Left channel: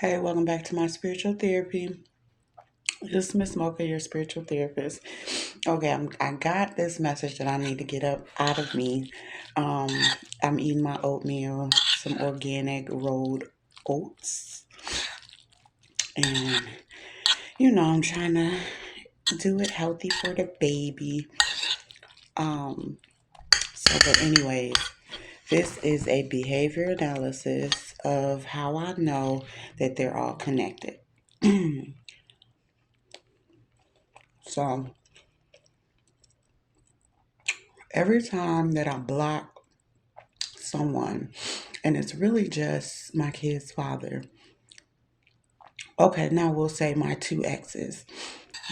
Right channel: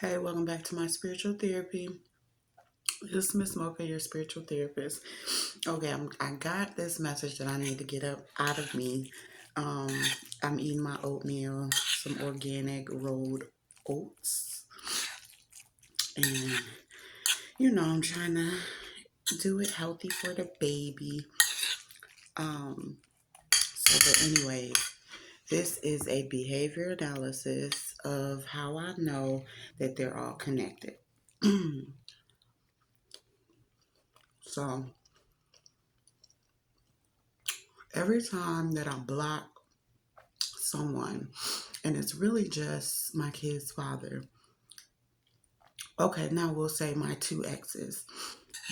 Hey, welcome back to my spiritual therapy. This is Miss Mocha, your spiritual therapist. Okay, I got this message that I need to get up out of me. Um, I'm eating my oatmeal, some organic rolled oats, and I'm trying to do it healthy for the baby. Um, but anyways, this is a behavior analysis of how I know that they're all connected. So every time that I block someone, and it's really just my kid's father. Okay, now we'll say my two exes.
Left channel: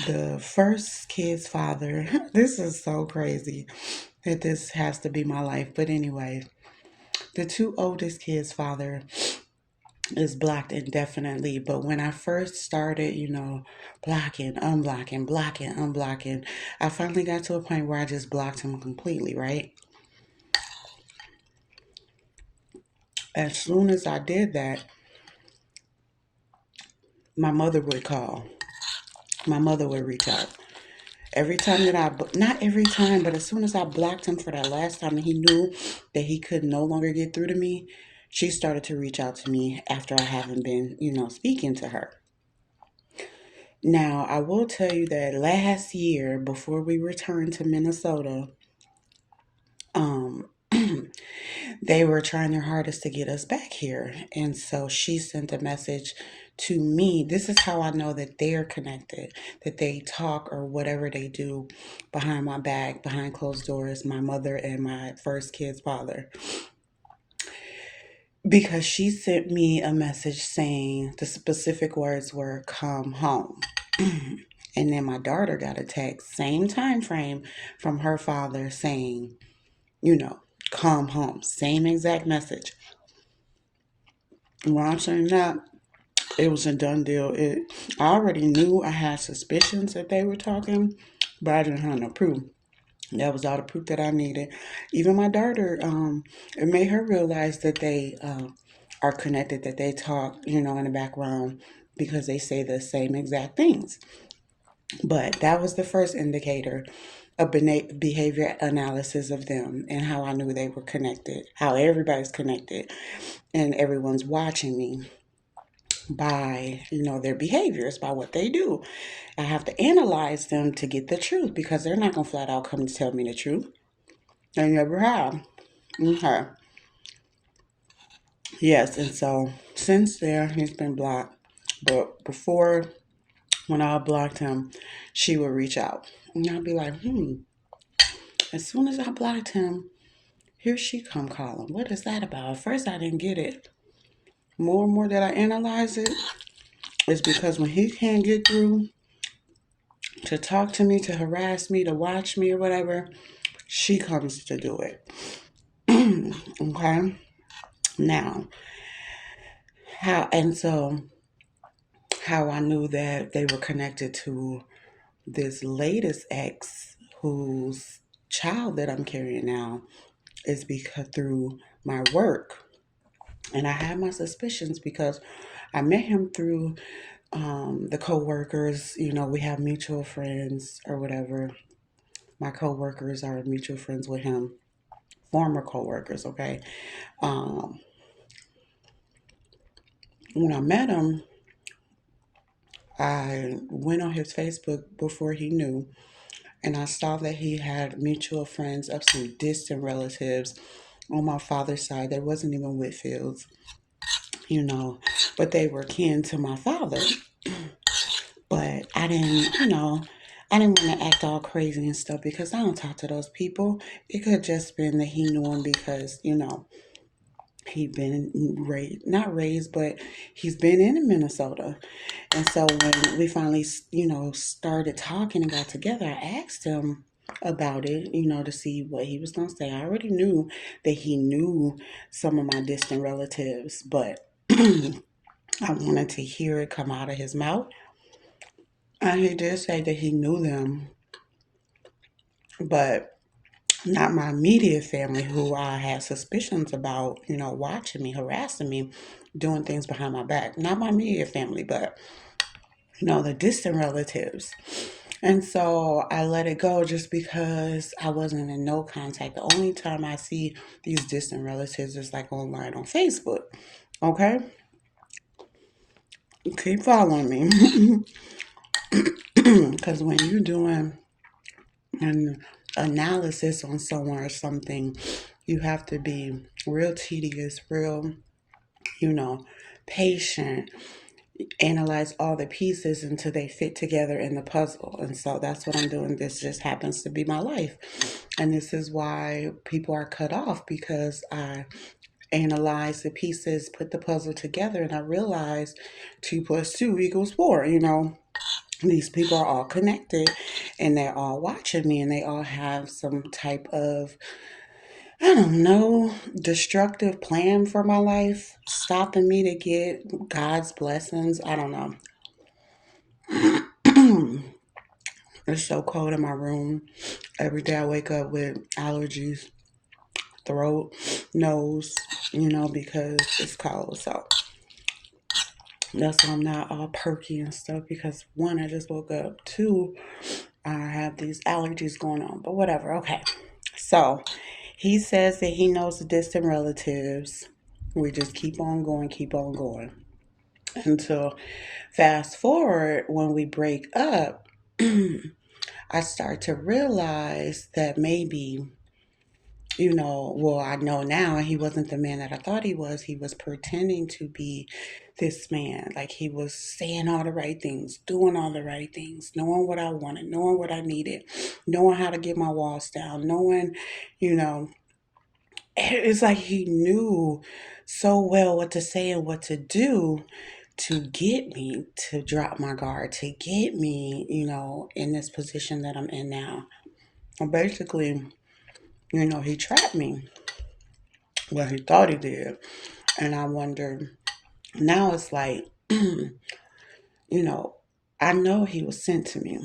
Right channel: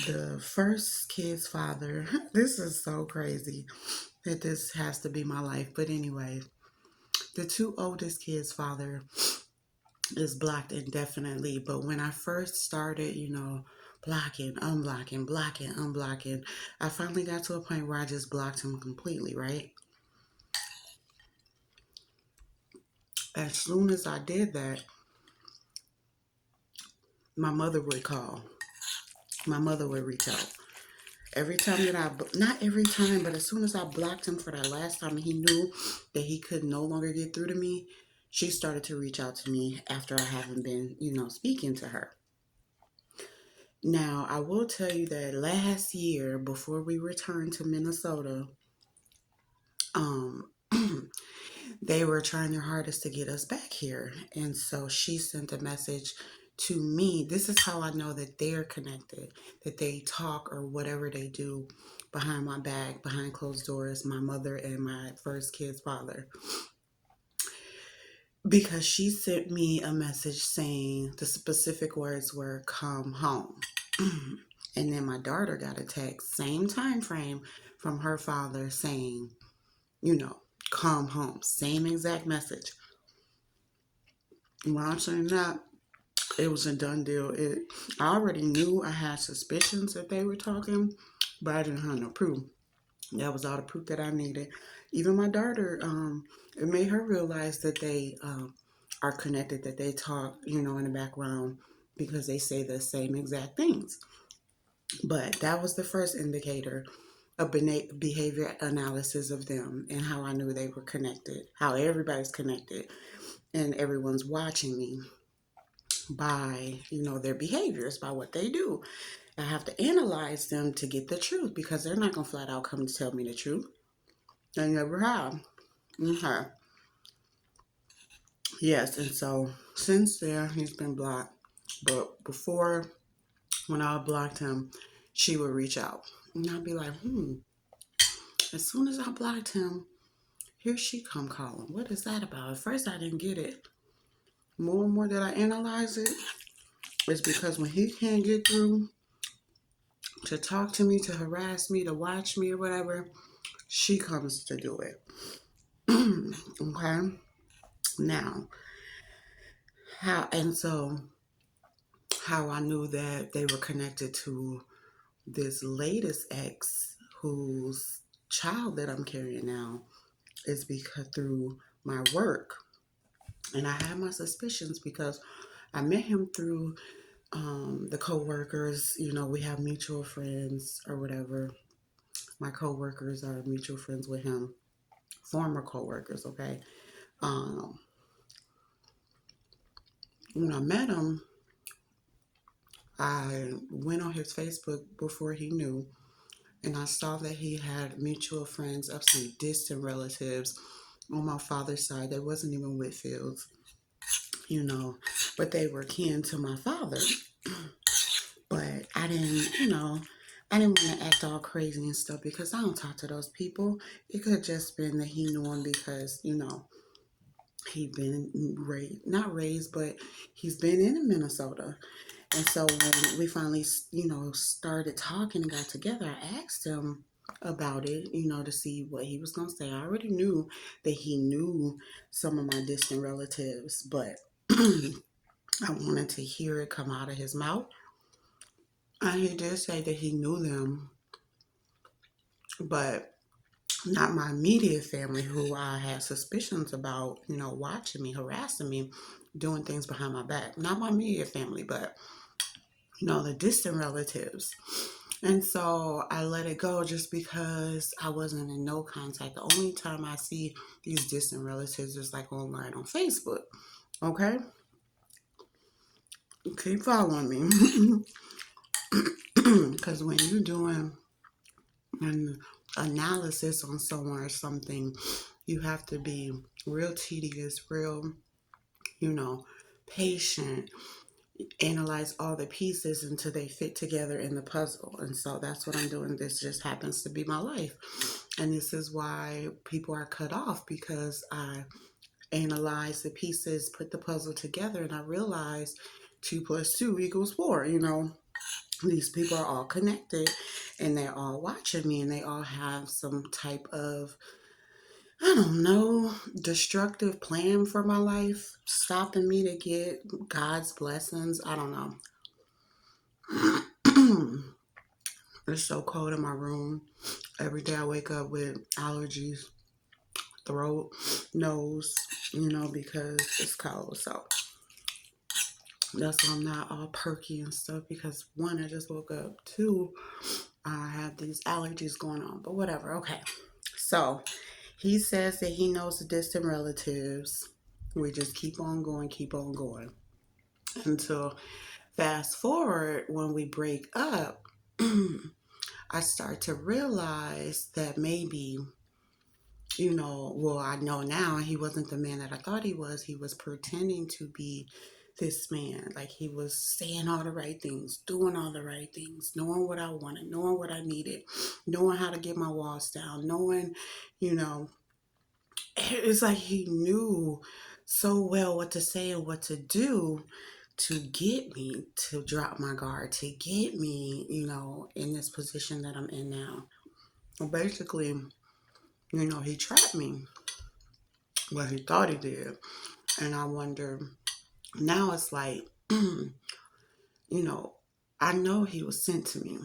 The first kid's father, this is so crazy that this has to be my life. But anyway, the two oldest kids' father is blocked indefinitely. But when I first started, blocking, unblocking, blocking, unblocking, I finally got to a point where I just blocked him completely, right? As soon as I did that, my mother would call. My mother would reach out. Every time that not every time, but as soon as I blocked him for that last time and he knew that he could no longer get through to me, she started to reach out to me after I haven't been, speaking to her. Now, I will tell you that last year, before we returned to Minnesota, um, they were trying their hardest to get us back here. And so she sent a message to me. This is how I know that they're connected, that they talk or whatever they do behind my back, behind closed doors, my mother and my first kid's father. Because she sent me a message saying the specific words were come home. And then my daughter got a text, same time frame, from her father saying, you know, come home. Same exact message. When I'm saying that, it was a done deal. I already knew I had suspicions that they were talking, but I didn't have no proof. That was all the proof that I needed. Even my daughter, it made her realize that they are connected, that they talk, in the background because they say the same exact things. But that was the first indicator of behavior analysis of them and how I knew they were connected, how everybody's connected and everyone's watching me by their behaviors, by what they do. I have to analyze them to get the truth because they're not gonna flat out come and tell me the truth. They never have. Okay. Yes, and so since there he's been blocked. But before, when I blocked him, she would reach out. And I'd be like, as soon as I blocked him, here she come calling. What is that about? At first I didn't get it. More and more that I analyze it, it's because when he can't get through to talk to me, to harass me, to watch me or whatever, she comes to do it. Okay? Now, how I knew that they were connected to this latest ex whose child that I'm carrying now is because through my work. And I had my suspicions because I met him through the co-workers. We have mutual friends or whatever. My co-workers are mutual friends with him, former co-workers. Okay. um, when I met him, I went on his Facebook before he knew, and I saw that he had mutual friends of some distant relatives on my father's side that wasn't even Whitfields, you know, but they were kin to my father. But I didn't want to act all crazy and stuff because I don't talk to those people. It could have just been that he knew him because, he'd been raised, not raised, but he's been in Minnesota. And so when we finally, started talking and got together, I asked him about it, to see what he was going to say. I already knew that he knew some of my distant relatives, but I wanted to hear it come out of his mouth. And he did say that he knew them, but not my immediate family who I had suspicions about, watching me, harassing me. doing things behind my back. Not my immediate family, but the distant relatives. And so I let it go just because I wasn't in no contact. The only time I see these distant relatives is like online on Facebook. Okay? Keep following me. Because when you're doing an analysis on someone or something, you have to be real tedious, real, you know, patient, analyze all the pieces until they fit together in the puzzle. And so that's what I'm doing. This just happens to be my life. And this is why people are cut off, because I analyze the pieces, put the puzzle together, and I realize 2 plus 2 equals 4. These people are all connected and they're all watching me and they all have some type of, I don't know, destructive plan for my life, stopping me to get God's blessings. I don't know. It's so cold in my room. Every day I wake up with allergies, throat, nose, because it's cold. So that's why I'm not all perky and stuff, because one, I just woke up. Two, I have these allergies going on. But whatever. Okay. So he says that he knows the distant relatives. We just keep on going until fast forward when we break up. I start to realize that maybe, well, I know now he wasn't the man that I thought he was. He was pretending to be this man. Like he was saying all the right things, doing all the right things, knowing what I wanted, knowing what I needed, knowing how to get my walls down, knowing, you know, it's like he knew so well what to say and what to do to get me to drop my guard, to get me, in this position that I'm in now. Well, basically, he trapped me. Well, he thought he did. And I wonder, now it's like, you know, I know he was sent to me.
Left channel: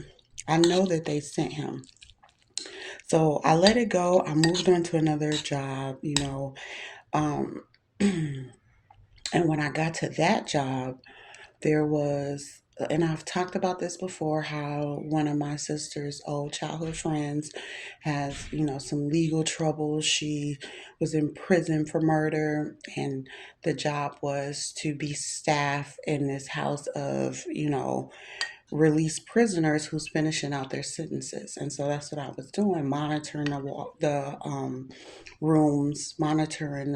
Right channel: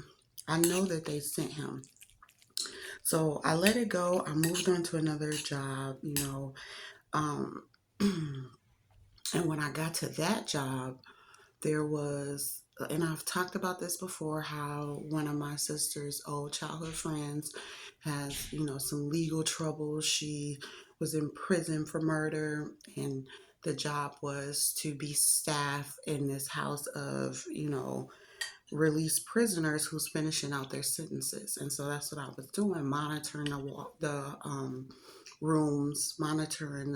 I know that they sent him. So I let it go. I moved on to another job, Um, and when I got to that job, there was, and I've talked about this before, how one of my sister's old childhood friends has, some legal troubles. She was in prison for murder, and the job was to be staff in this house of, released prisoners who's finishing out their sentences. And so that's what I was doing, monitoring the rooms, monitoring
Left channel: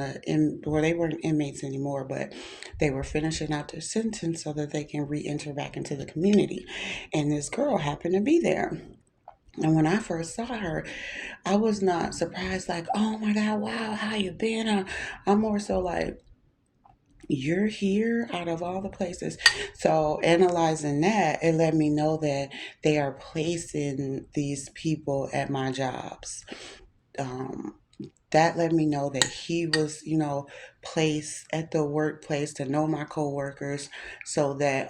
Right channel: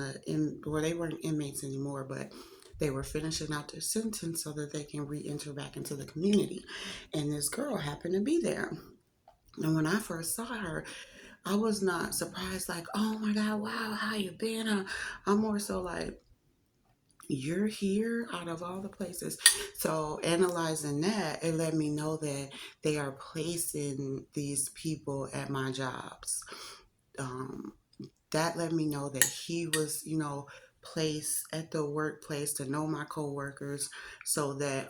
well, they weren't inmates anymore, but they were finishing out their sentence so that they can re-enter back into the community. And this girl happened to be there. And when I first saw her, I was not surprised, like, oh my God, wow, how you been? I'm more so like, you're here out of all the places. So analyzing that, it let me know that they are placing these people at my jobs. Um, that let me know that he was, placed at the workplace to know my coworkers so that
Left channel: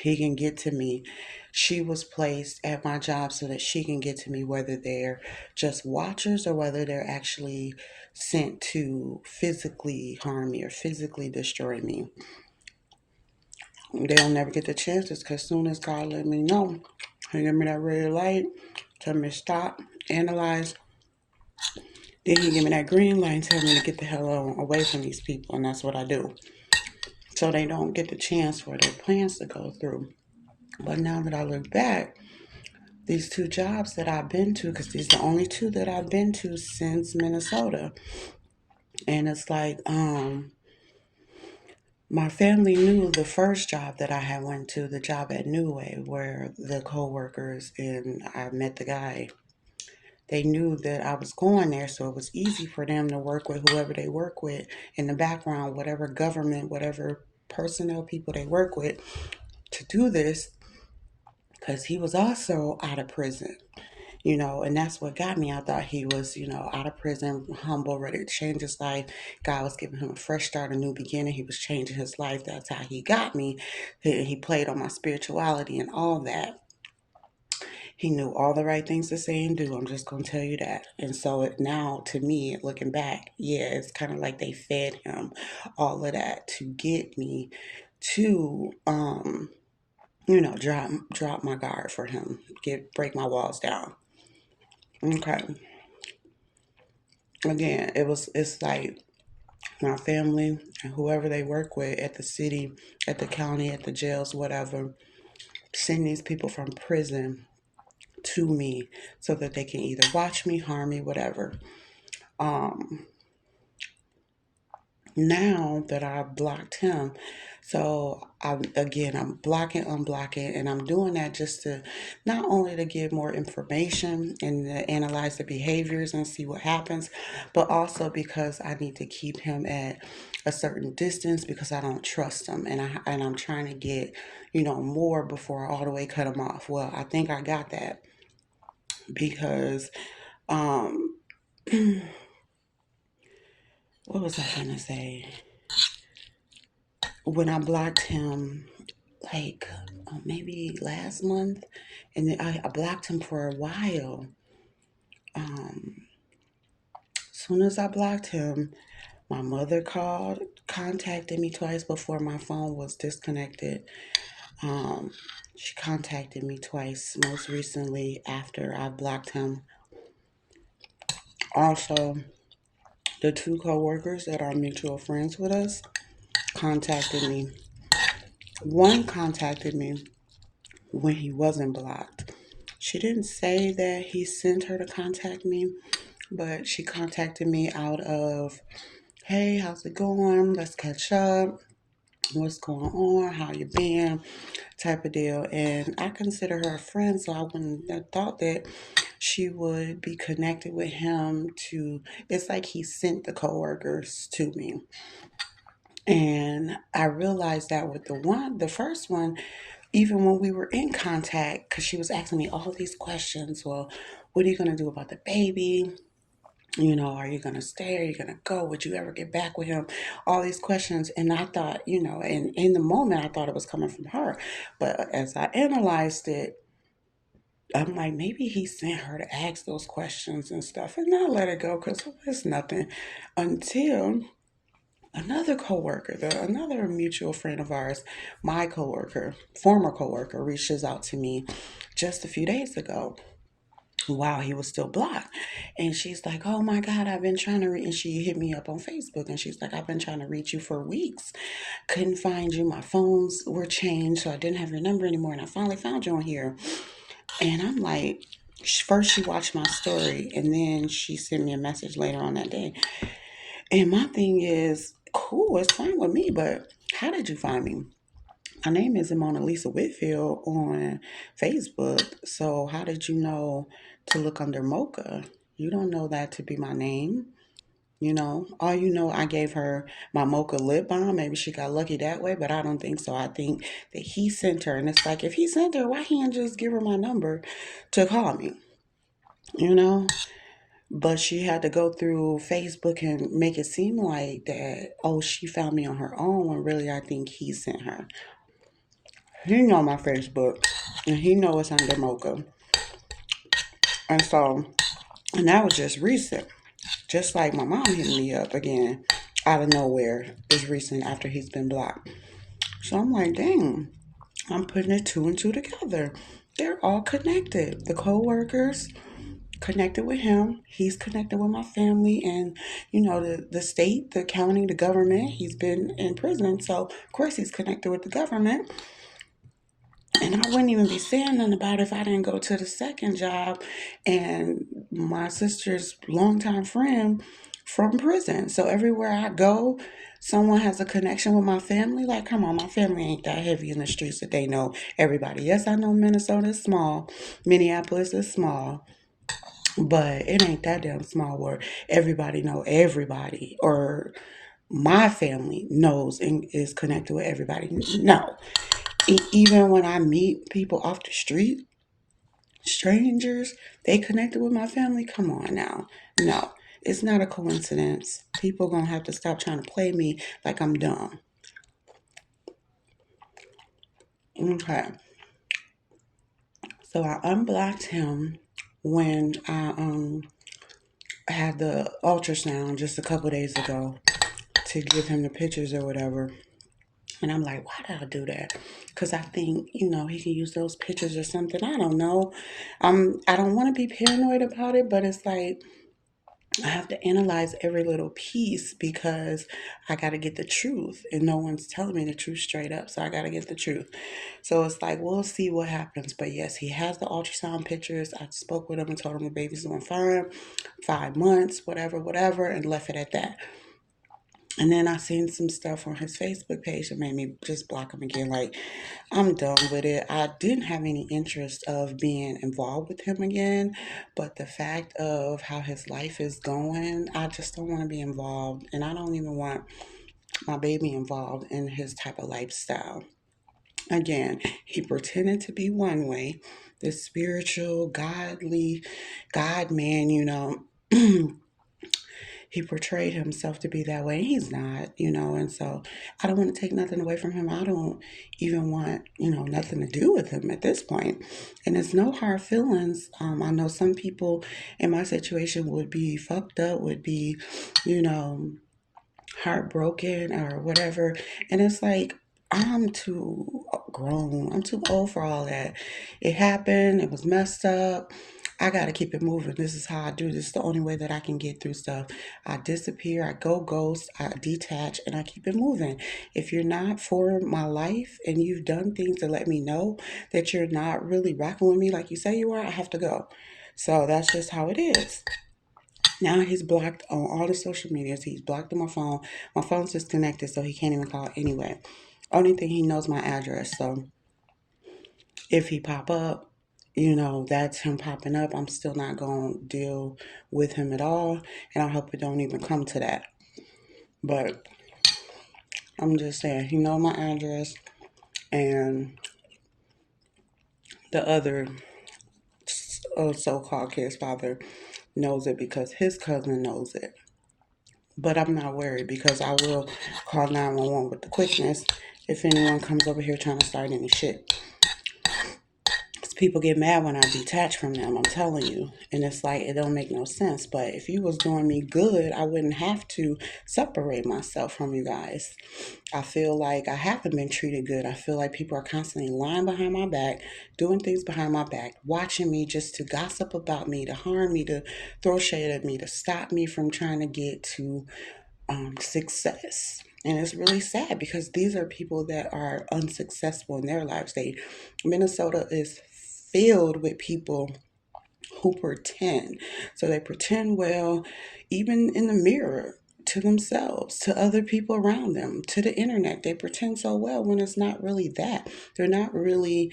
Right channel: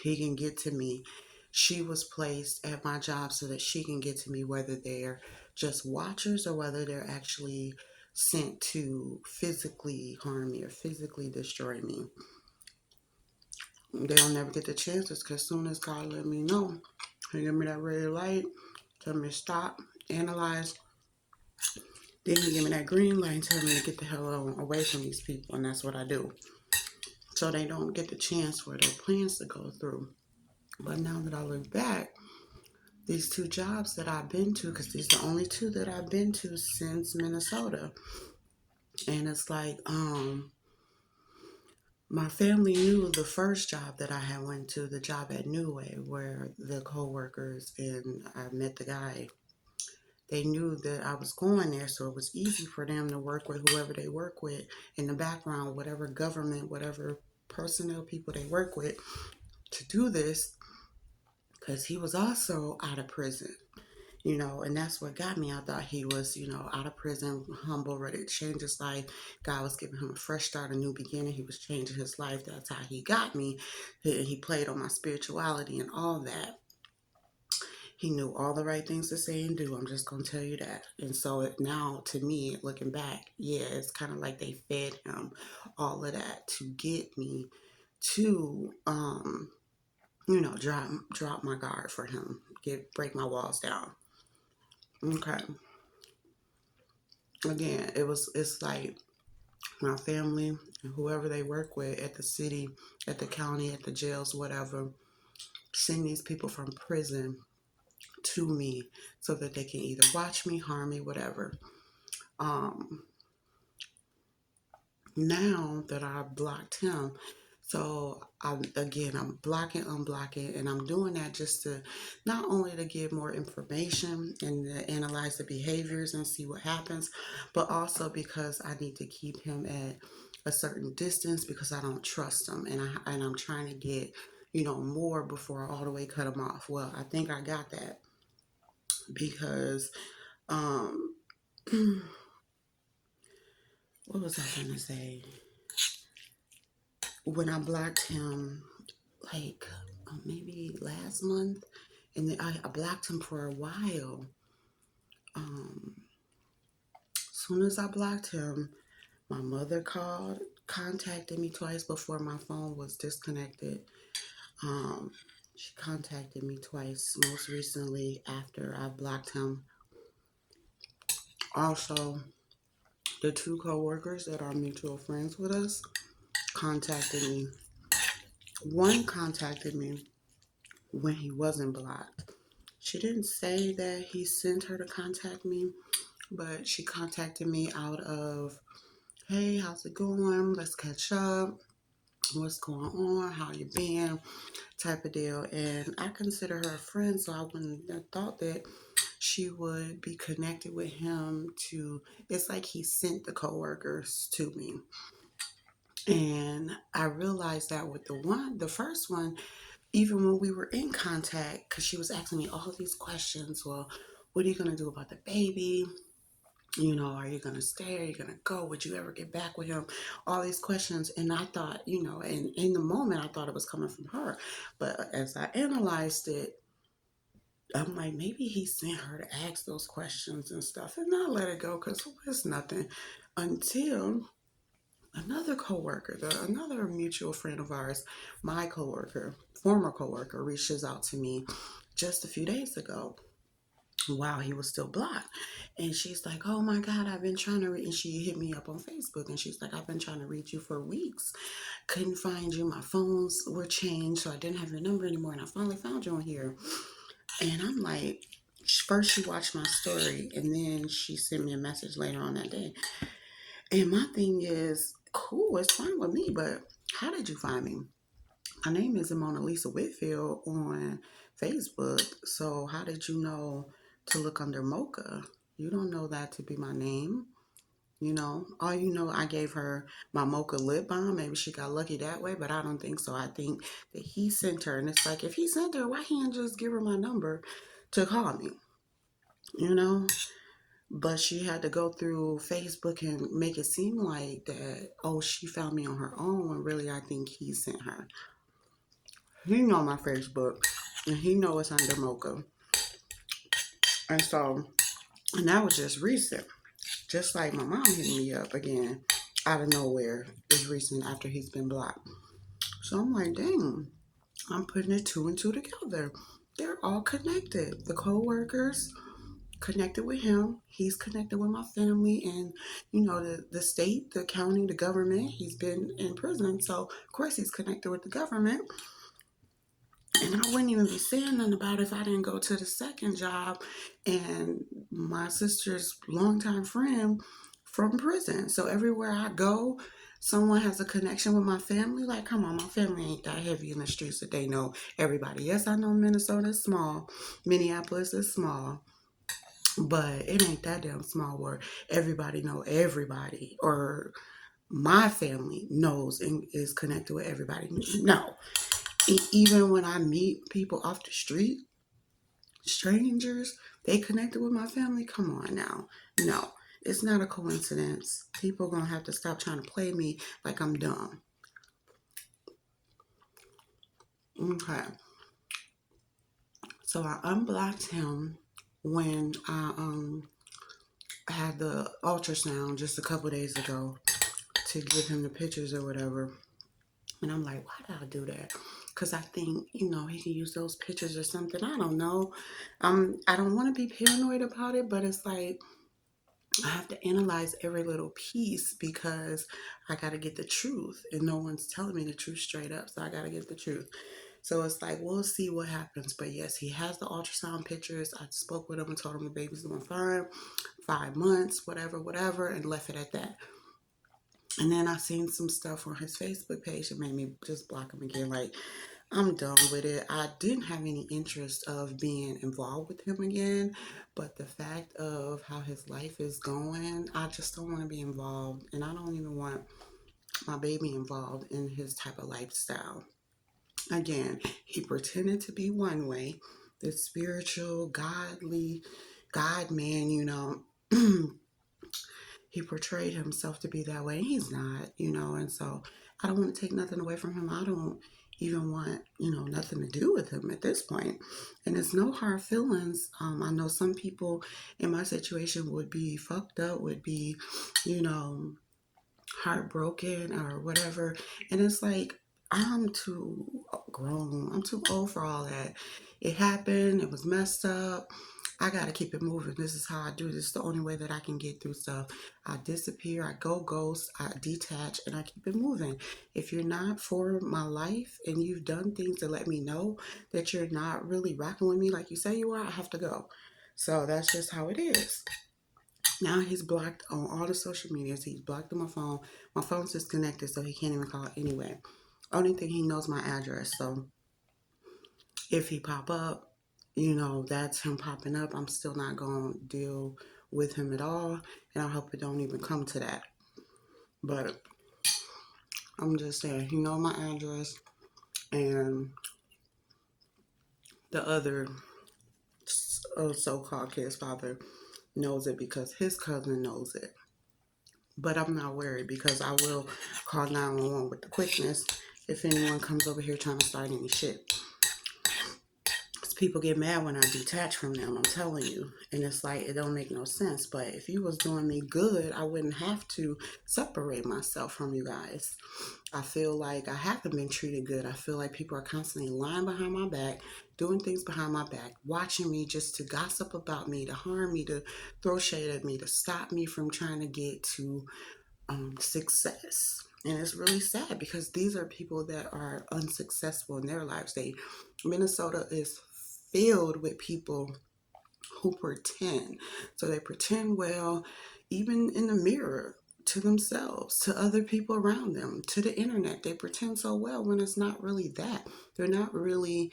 he can get to me. She was placed at my job so that she can get to me, whether they're just watchers or whether they're actually sent to physically harm me or physically destroy me. They'll never get the chances, because as soon as God let me know, he give me that red light, tell me to stop, analyze, then he give me that green light and tell me to get the hell on away from these people, and that's what I do. So they don't get the chance for their plans to go through. But now that I look back, these 2 jobs that I've been to, because these are the only 2 that I've been to since Minnesota. And it's like, my family knew the first job that I had went to, the job at New Way, where the co-workers and I met the guy. They knew that I was going there, so it was easy for them to work with whoever they work with in the background, whatever government, whatever personnel people they work with, to do this, because he was also out of prison. And that's what got me. I thought he was, out of prison, humble, ready to change his life. God was giving him a fresh start, a new beginning. He was changing his life. That's how he got me. He played on my spirituality and all that. He knew all the right things to say and do. I'm just gonna tell you that. And so now, to me, looking back, yeah, it's kind of like they fed him all of that to get me to, drop my guard for him, break my walls down. Okay. Again, it's like my family and whoever they work with at the city, at the county, at the jails, whatever, send these people from prison to me so that they can either watch me, harm me, whatever. Um, Now that I've blocked him, I'm blocking, unblocking, and I'm doing that just to not only to get more information and to analyze the behaviors and see what happens, but also because I need to keep him at a certain distance because I don't trust him, and I'm trying to get more before I all the way cut him off. Well, I think I got that because um, what was I gonna say? When I blocked him, like maybe last month, and then I blocked him for a while. Um, Soon as I blocked him, my mother contacted me twice before my phone was disconnected. Um, she contacted me twice, most recently after I blocked him. Also, the two coworkers that are mutual friends with us contacted me. One contacted me when he wasn't blocked. She didn't say that he sent her to contact me, but she contacted me out of, hey, how's it going? Let's catch up. What's going on? How you been? Type of deal. And I consider her a friend, so I wouldn't have thought that she would be connected with him to, it's like he sent the coworkers to me. And I realized that with the first one, even when we were in contact, because she was asking me all these questions. Well, what are you going to do about the baby? Are you going to stay? Are you going to go? Would you ever get back with him? All these questions. And I thought, and in the moment, I thought it was coming from her. But as I analyzed it, I'm like, maybe he sent her to ask those questions and stuff. And I let it go because it's nothing until another coworker, another mutual friend of ours, my coworker, former coworker, reaches out to me just a few days ago while he was still blocked. And she's like, oh my God, I've been trying to reach, and she hit me up on Facebook and she's like, I've been trying to reach you for weeks. Couldn't find you. My phones were changed, so I didn't have your number anymore. And I finally found you on here. And I'm like, first she watched my story and then she sent me a message later on that day. And my thing is, cool, it's fine with me, but how did you find me? My name is Mona Lisa Whitfield on Facebook. So how did you know to look under Mocha? You don't know that to be my name. All I gave her my Mocha lip balm. Maybe she got lucky that way, but I don't think so. I think that he sent her. And it's like, if he sent her, why can't just give her my number to call me? You know? But she had to go through Facebook and make it seem like that, oh, she found me on her own, when really I think he sent her. He know my Facebook, and he know it's under Mocha. And so, and that was just recent. Just like my mom hitting me up again out of nowhere is recent after he's been blocked. So I'm like, dang, I'm putting it two and two together. They're all connected. The co-workers connected with him. He's connected with my family and, the state, the county, the government. He's been in prison. So, of course, he's connected with the government. And I wouldn't even be saying nothing about it if I didn't go to the second job and my sister's longtime friend from prison. So everywhere I go, someone has a connection with my family. Like, come on, my family ain't that heavy in the streets that they know everybody. Yes, I know Minnesota is small, Minneapolis is small, but it ain't that damn small where everybody know everybody or my family knows and is connected with everybody. No. Even when I meet people off the street, strangers, they connected with my family. Come on now. No, it's not a coincidence. People gonna have to stop trying to play me like I'm dumb. Okay. So I unblocked him when I had the ultrasound just a couple days ago to give him the pictures or whatever. And I'm like, why did I do that? Because I think, he can use those pictures or something. I don't know. I don't want to be paranoid about it, but it's like I have to analyze every little piece because I got to get the truth. And no one's telling me the truth straight up. So I got to get the truth. So it's like, we'll see what happens. But yes, he has the ultrasound pictures. I spoke with him and told him the baby's doing fine, 5 months, whatever, and left it at that. And then I seen some stuff on his Facebook page that made me just block him again. Like, I'm done with it. I didn't have any interest of being involved with him again, but the fact of how his life is going, I just don't want to be involved. And I don't even want my baby involved in his type of lifestyle. Again, he pretended to be one way, this spiritual, godly God man, he portrayed himself to be that way. And he's not. And so I don't want to take nothing away from him. I don't even want, nothing to do with him at this point. And it's no hard feelings. I know some people in my situation would be fucked up, would be, you know, heartbroken or whatever. And it's like, I'm too grown. I'm too old for all that. It happened. It was messed up. I got to keep it moving. This is how I do. This is the only way that I can get through stuff. I disappear. I go ghost. I detach and I keep it moving. If you're not for my life and you've done things to let me know that you're not really rocking with me like you say you are, I have to go. So that's just how it is. Now he's blocked on all the social medias. He's blocked on my phone. My phone's disconnected, so he can't even call anyway. Only thing, he knows my address. So if he pop up, that's him popping up. I'm still not going to deal with him at all. And I hope it don't even come to that. But I'm just saying, he know my address. And the other so-called kid's father knows it because his cousin knows it. But I'm not worried because I will call 911 with the quickness if anyone comes over here trying to start any shit. People get mad when I detach from them, I'm telling you. And it's like, it don't make no sense. But if you was doing me good, I wouldn't have to separate myself from you guys. I feel like I haven't been treated good. I feel like people are constantly lying behind my back, doing things behind my back, watching me just to gossip about me, to harm me, to throw shade at me, to stop me from trying to get to success. And it's really sad because these are people that are unsuccessful in their lives. Minnesota is filled with people who pretend. So they pretend well, even in the mirror, to themselves, to other people around them, to the internet. They pretend so well when it's not really that. They're not really,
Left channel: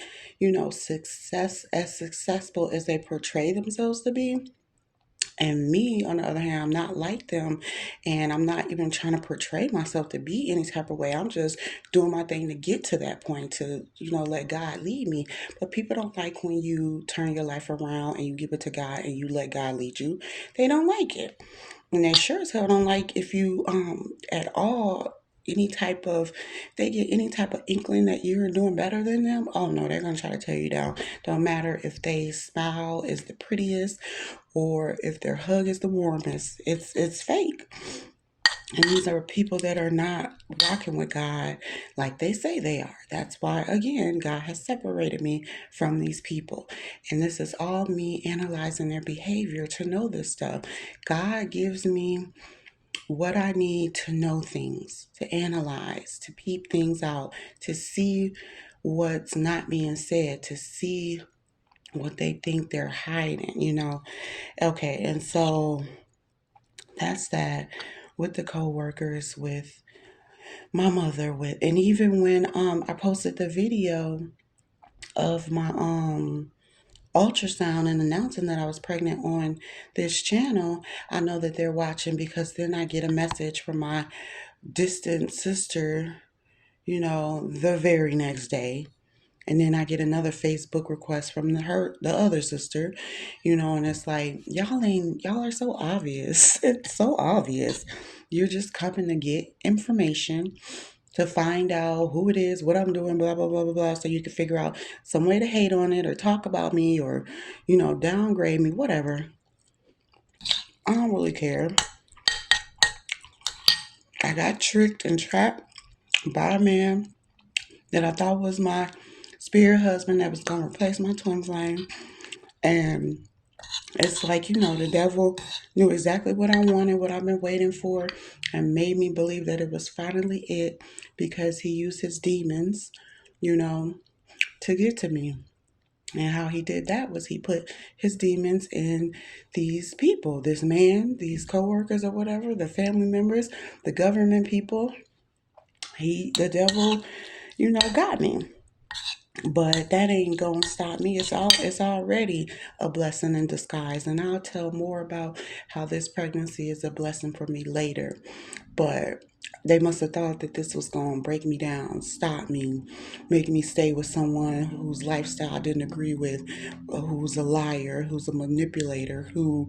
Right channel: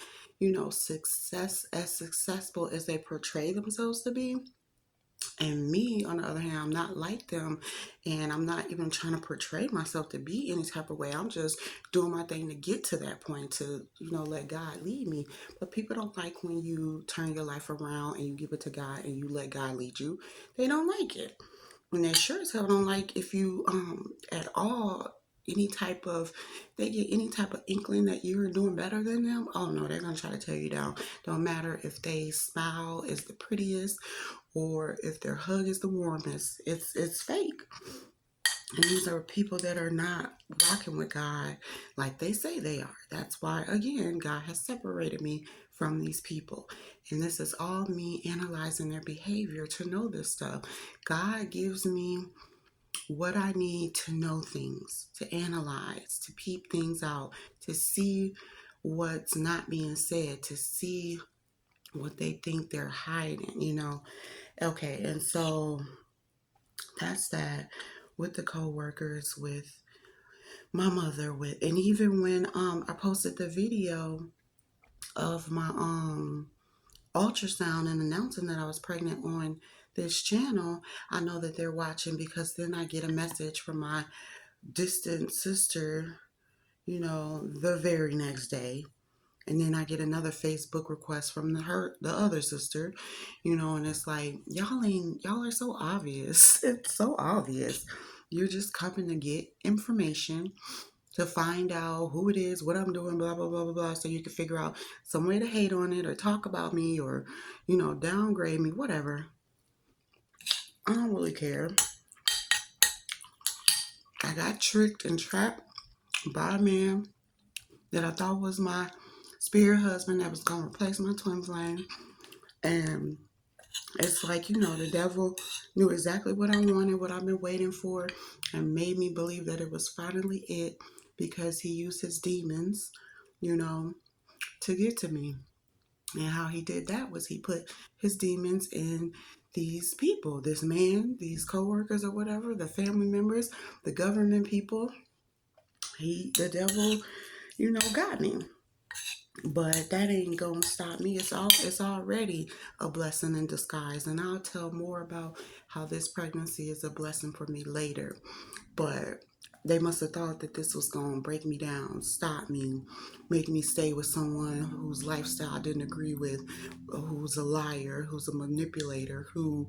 successful as they portray themselves to be. And me, on the other hand, I'm not like them. And I'm not even trying to portray myself to be any type of way. I'm just doing my thing to get to that point to, let God lead me. But people don't like when you turn your life around and you give it to God and you let God lead you. They don't like it. And they sure as hell don't like if you at all any type of they get any type of inkling that you're doing better than them. Oh no, they're gonna try to tear you down. Don't matter if they smile is the prettiest or if their hug is the warmest. It's fake. And these are people that are not rocking with God like they say they are. That's why, again, God has separated me from these people. And this is all me analyzing their behavior to know this stuff. God gives me what I need to know things, to analyze, to peep things out, to see what's not being said, to see what they think they're hiding. Okay, and so that's that with the coworkers, with my mother, and even when I posted the video of my ultrasound and announcing that I was pregnant on this channel, I know that they're watching because then I get a message from my distant sister, the very next day. And then I get another Facebook request from the other sister, and it's like, y'all are so obvious. It's so obvious. You're just coming to get information to find out who it is, what I'm doing, blah, blah, blah, blah, blah, so you can figure out some way to hate on it or talk about me or, downgrade me, whatever. I don't really care. I got tricked and trapped by a man that I thought was my spirit husband that was going to replace my twin flame. And it's like, the devil knew exactly what I wanted, what I've been waiting for, and made me believe that it was finally it because he used his demons, you know, to get to me. And how he did that was he put his demons in these people, this man, these coworkers or whatever, the family members, the government people. The devil, got me. But that ain't gonna stop me. It's already a blessing in disguise. And I'll tell more about how this pregnancy is a blessing for me later. But they must have thought that this was gonna break me down, stop me, make me stay with someone whose lifestyle I didn't agree with, who's a liar, who's a manipulator, who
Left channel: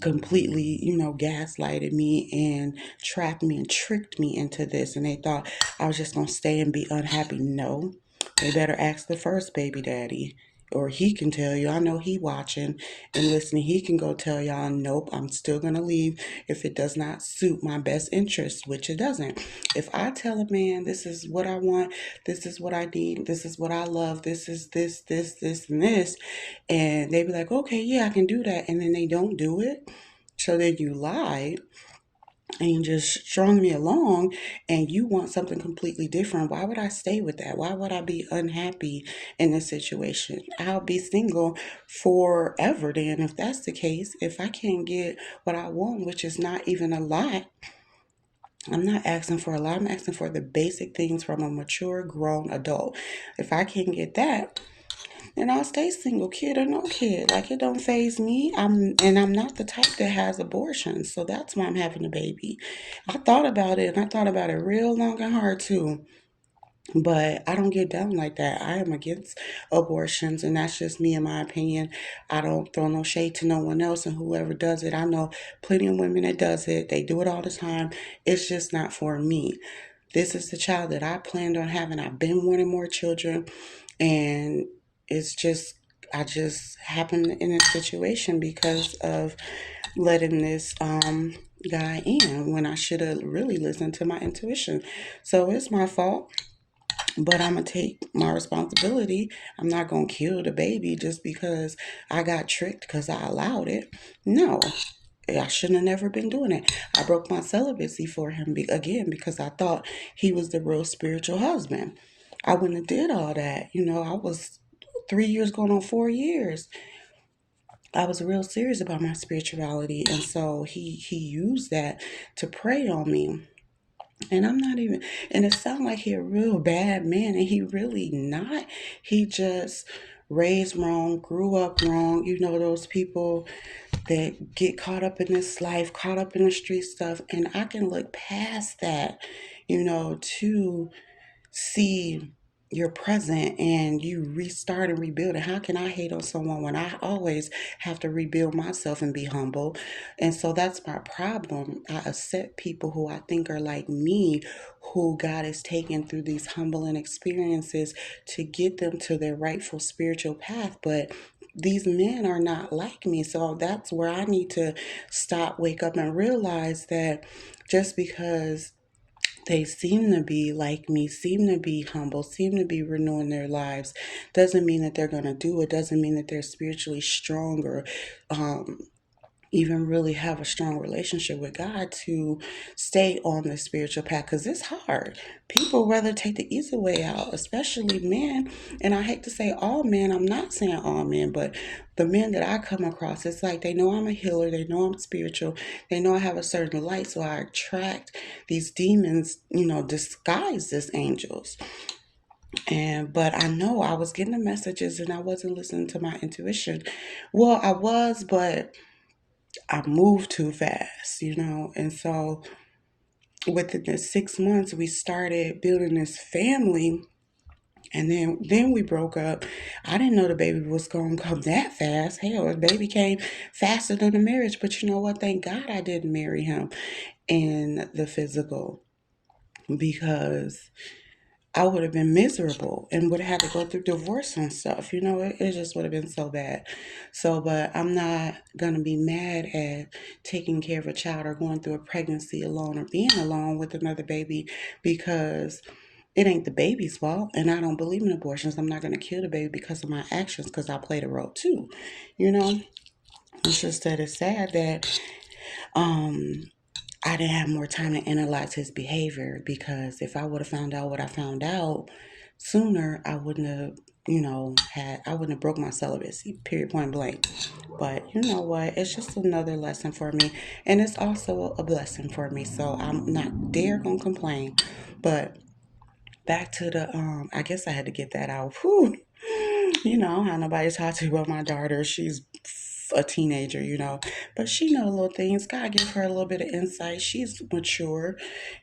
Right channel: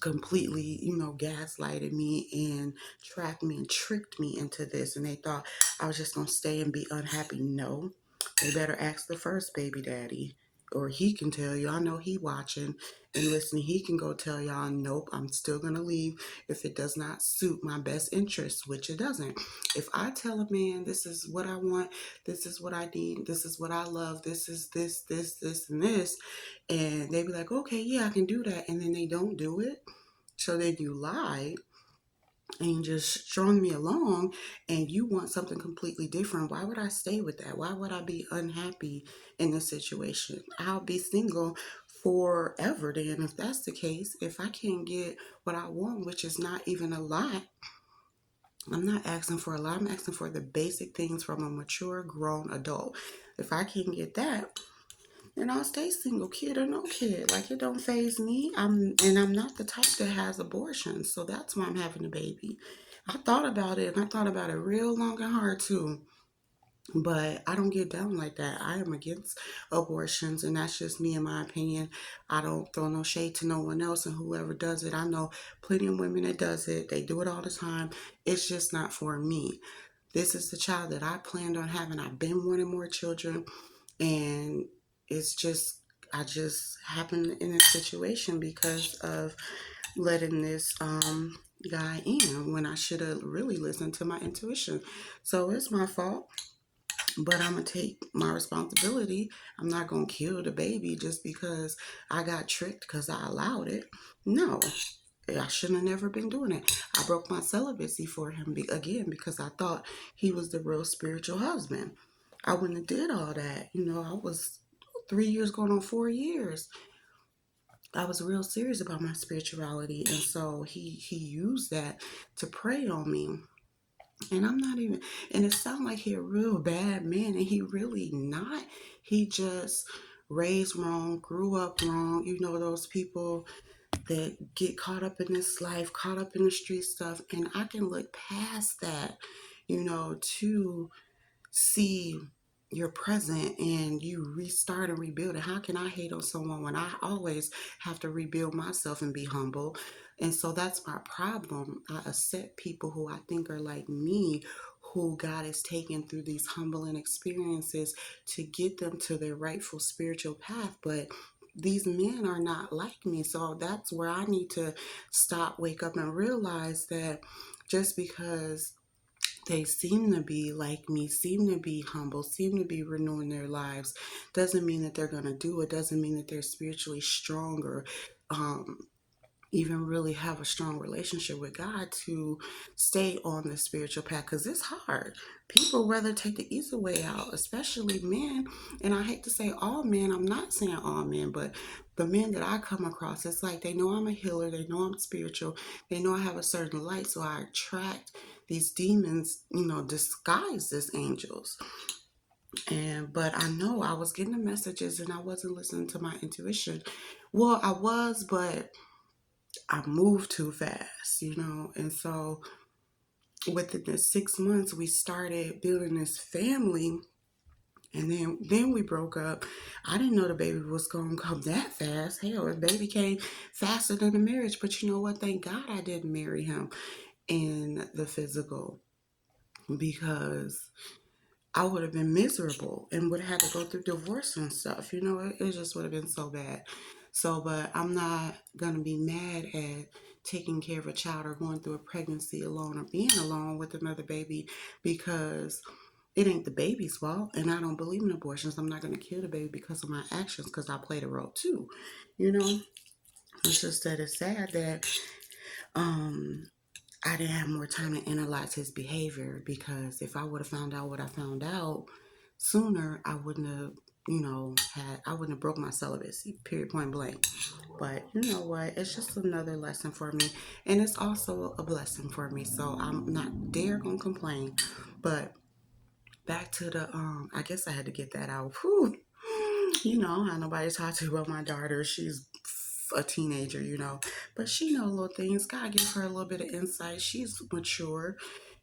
completely, gaslighted me and trapped me and tricked me into this. And they thought I was just going to stay and be unhappy. No, they better ask the first baby daddy. Or he can tell you, I know he watching and listening. He can go tell y'all, nope, I'm still going to leave if it does not suit my best interest, which it doesn't. If I tell a man, this is what I want, this is what I need, this is what I love, this is this, and this, and they be like, okay, yeah, I can do that. And then they don't do it. So then you lied and you just strung me along and you want something completely different. Why would I stay with that? Why would I be unhappy in this situation? I'll be single forever then if that's the case. If I can't get what I want, which is not even a lot, I'm not asking for a lot. I'm asking for the basic things from a mature, grown adult. If I can't get that, and I'll stay single, kid or no kid. Like it don't phase me. I'm not the type that has abortions, so that's why I'm having a baby. I thought about it, and I thought about it real long and hard too. But I don't get down like that. I am against abortions, and that's just me, in my opinion. I don't throw no shade to no one else, and whoever does it, I know plenty of women that does it. They do it all the time. It's just not for me. This is the child that I planned on having. I've been wanting more children, and it's just I just happened in this situation because of letting this guy in when I should have really listened to my intuition. So it's my fault, but I'm gonna take my responsibility. I'm not gonna kill the baby just because I got tricked because I allowed it. No, I shouldn't have never been doing it. I broke my celibacy for him again because I thought he was the real spiritual husband. I wouldn't have did all that. I was 3 years going on 4 years. I was real serious about my spirituality, and so he used that to prey on me. And I'm not even, and it sounds like he a real bad man, and he really not. He just raised wrong, grew up wrong. Those people that get caught up in this life, caught up in the street stuff, and I can look past that, to see your present and you restart and rebuild it. How can I hate on someone when I always have to rebuild myself and be humble? And so that's my problem. I accept people who I think are like me, who God is taking through these humbling experiences to get them to their rightful spiritual path. But these men are not like me. So that's where I need to stop, wake up, and realize that just because they seem to be like me, seem to be humble, seem to be renewing their lives, doesn't mean that they're going to do it, doesn't mean that they're spiritually stronger, um, even really have a strong relationship with God to stay on the spiritual path, because it's hard. People rather take the easy way out, especially men. And I hate to say all men, I'm not saying all men, but the men that I come across, it's like they know I'm a healer, they know I'm spiritual, they know I have a certain light, so I attract these demons, disguised as angels. But I know I was getting the messages and I wasn't listening to my intuition. Well, I was, but I moved too fast. And so within the 6 months, we started building this family. And then we broke up. I didn't know the baby was going to come that fast. Hell, the baby came faster than the marriage. But you know what? Thank God I didn't marry him in the physical. because I would have been miserable and would have had to go through divorce and stuff. It just would have been so bad. So, but I'm not going to be mad at taking care of a child or going through a pregnancy alone or being alone with another baby because it ain't the baby's fault. And I don't believe in abortions. I'm not going to kill the baby because of my actions because I played a role too. You know, it's just that it's sad that um, I didn't have more time to analyze his behavior because if I would have found out what I found out sooner, I wouldn't have, I wouldn't have broke my celibacy, period, point blank. But you know what? It's just another lesson for me. And it's also a blessing for me. So I'm not dare gonna complain. But back to I guess I had to get that out. Whew. How nobody talk to about my daughter. She's a teenager, but she know little things. God give her a little bit of insight. She's mature,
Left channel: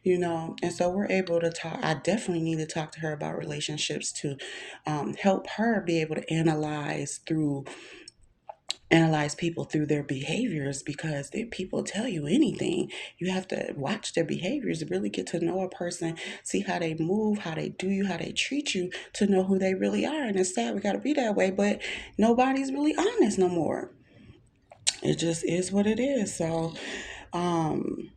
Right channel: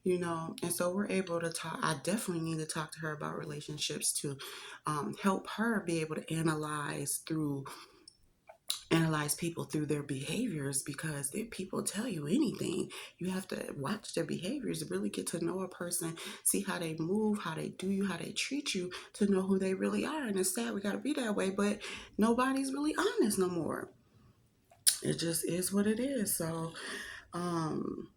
and so we're able to talk. I definitely need to talk to her about relationships to help her be able to analyze people through their behaviors because if people tell you anything, you have to watch their behaviors to really get to know a person, see how they move, how they do you, how they treat you, to know who they really are. And it's sad we got to be that way, but nobody's really honest no more. It just is what it is. So um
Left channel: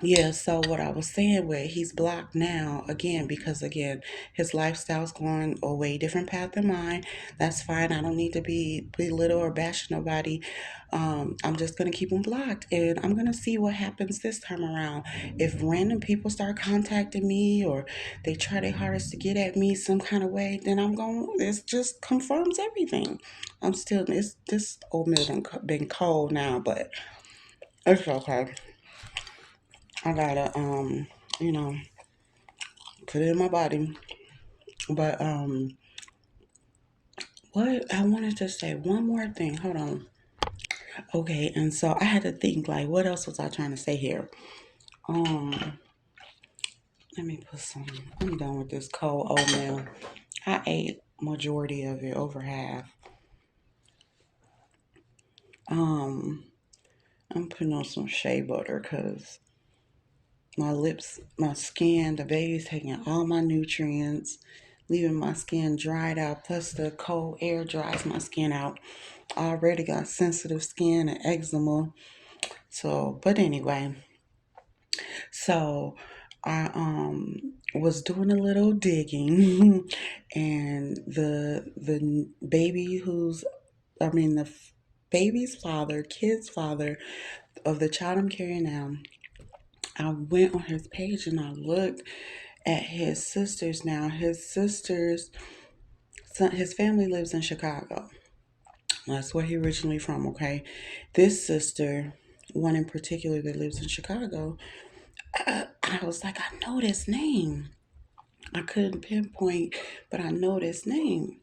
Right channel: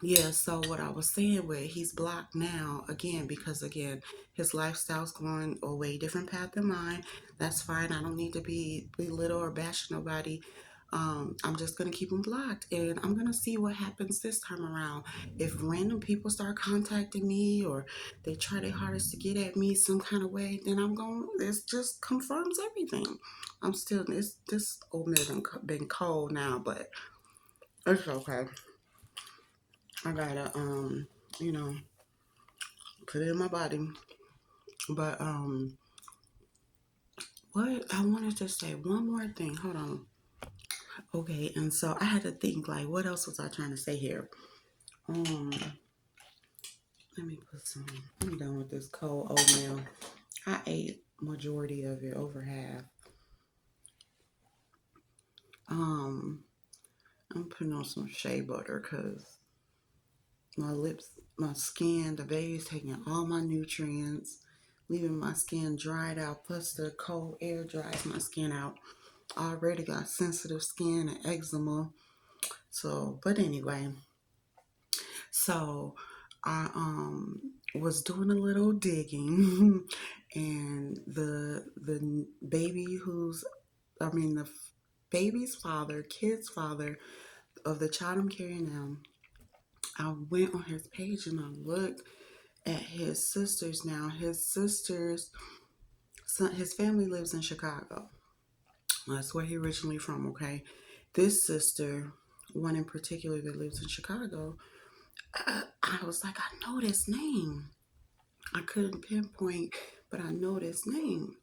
yeah, so what I was saying with he's blocked now again because again his lifestyle's going a way different path than mine. That's fine. I don't need to be belittle or bash nobody. I'm just gonna keep him blocked, and I'm gonna see what happens this time around. If random people start contacting me or they try their hardest to get at me some kind of way, then I'm going. It just confirms everything. I'm still. It's this old meal done been cold now, but it's okay. I gotta you know, put it in my body. But what I wanted to say one more thing. Hold on. Okay, and so I had to think like what else was I trying to say here? Um let me put some I'm done with this cold oatmeal. I ate majority of it, over half. Um I'm putting on some shea butter because my lips, my skin, the baby's taking all my nutrients, leaving my skin dried out. Plus, the cold air dries my skin out. I already got sensitive skin and eczema. So, but anyway, so I was doing a little digging, and the baby the baby's father, kid's father of the child I'm carrying now. I went on his page and I looked at his sisters now. His sisters, son, his family lives in Chicago. That's where he originally from, okay? This sister, one in particular that lives in Chicago, I was like, I know this name. I couldn't pinpoint, but I know this name.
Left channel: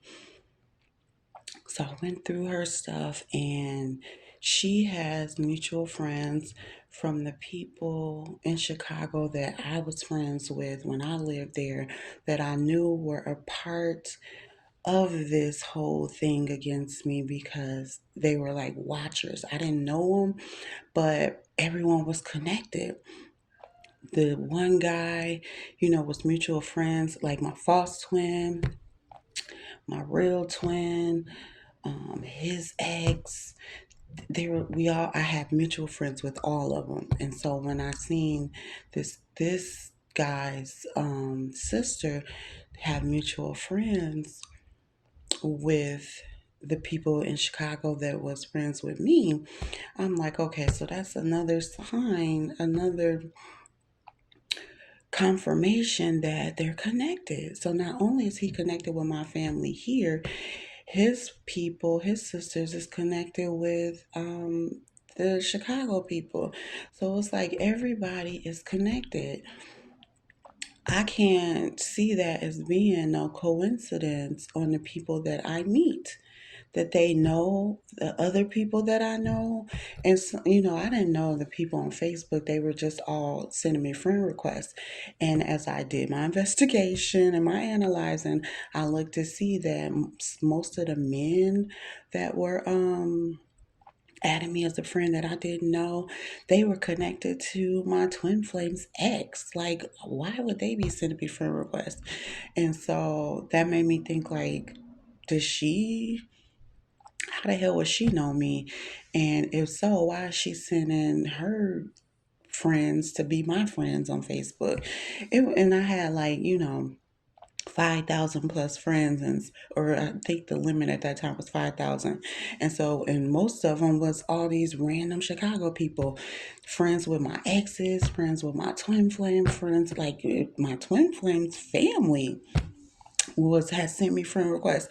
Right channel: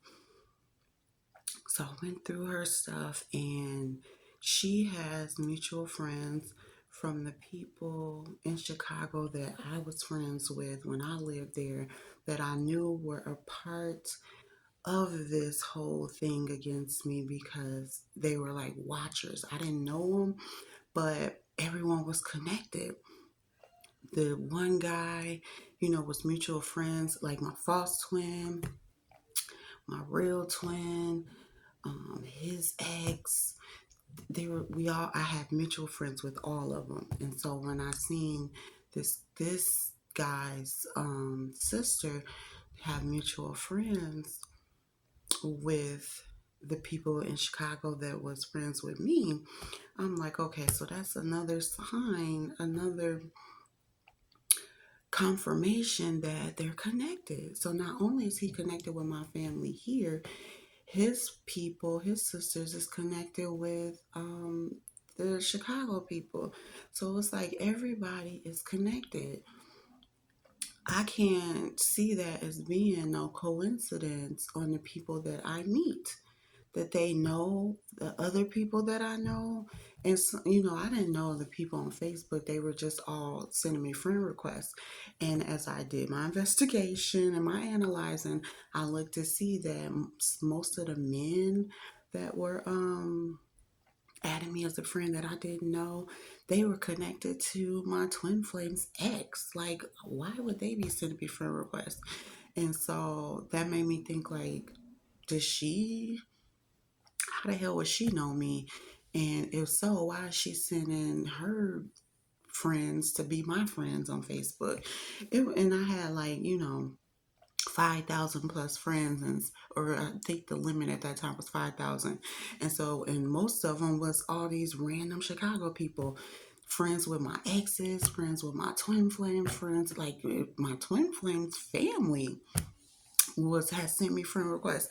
So I went through her stuff, and she has mutual friends from the people in Chicago that I was friends with when I lived there, that I knew were a part of this whole thing against me because they were like watchers. I didn't know them, but everyone was connected. The one guy, was mutual friends, like my false twin, my real twin, his ex. I had mutual friends with all of them, and so when I seen this guy's sister have mutual friends with the people in Chicago that was friends with me, I'm like, okay, so that's another sign, another confirmation that they're connected. So not only is he connected with my family here, his people, his sisters, is connected with the Chicago people. So it's like everybody is connected. I can't see that as being no coincidence on the people that I meet, that they know the other people that I know. And, so, I didn't know the people on Facebook. They were just all sending me friend requests. And as I did my investigation and my analyzing, I looked to see that most of the men that were added me as a friend that I didn't know. They were connected to my twin flames ex. Like, why would they be sending me friend requests? And so that made me think, like, does she, how the hell would she know me? And if so, why is she sending her friends to be my friends on Facebook? And I had, like, 5,000 plus friends, and or I think the limit at that time was 5,000. And so, and most of them was all these random Chicago people, friends with my exes, friends with my twin flame friends, like my twin flames family was had sent me friend requests.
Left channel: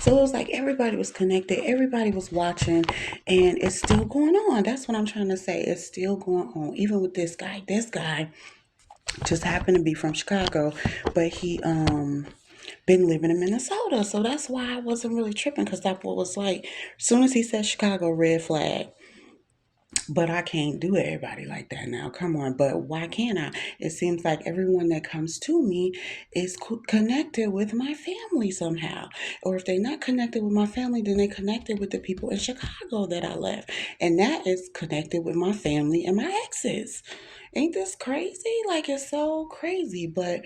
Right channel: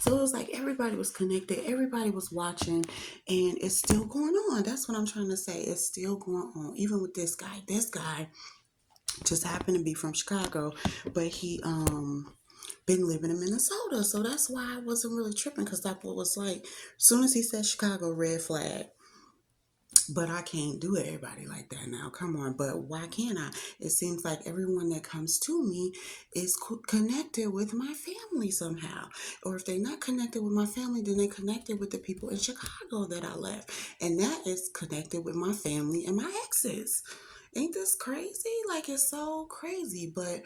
So it was like everybody was connected, everybody was watching, and it's still going on. That's what I'm trying to say. It's still going on, even with this guy. This guy just happened to be from Chicago, but he been living in Minnesota. So that's why I wasn't really tripping, because that boy was like, as soon as he said Chicago, red flag. But I can't do everybody like that now. Come on. But why can't I? It seems like everyone that comes to me is connected with my family somehow. Or if they're not connected with my family, then they connected with the people in Chicago that I left. And that is connected with my family and my exes. Ain't this crazy? Like, it's so crazy. But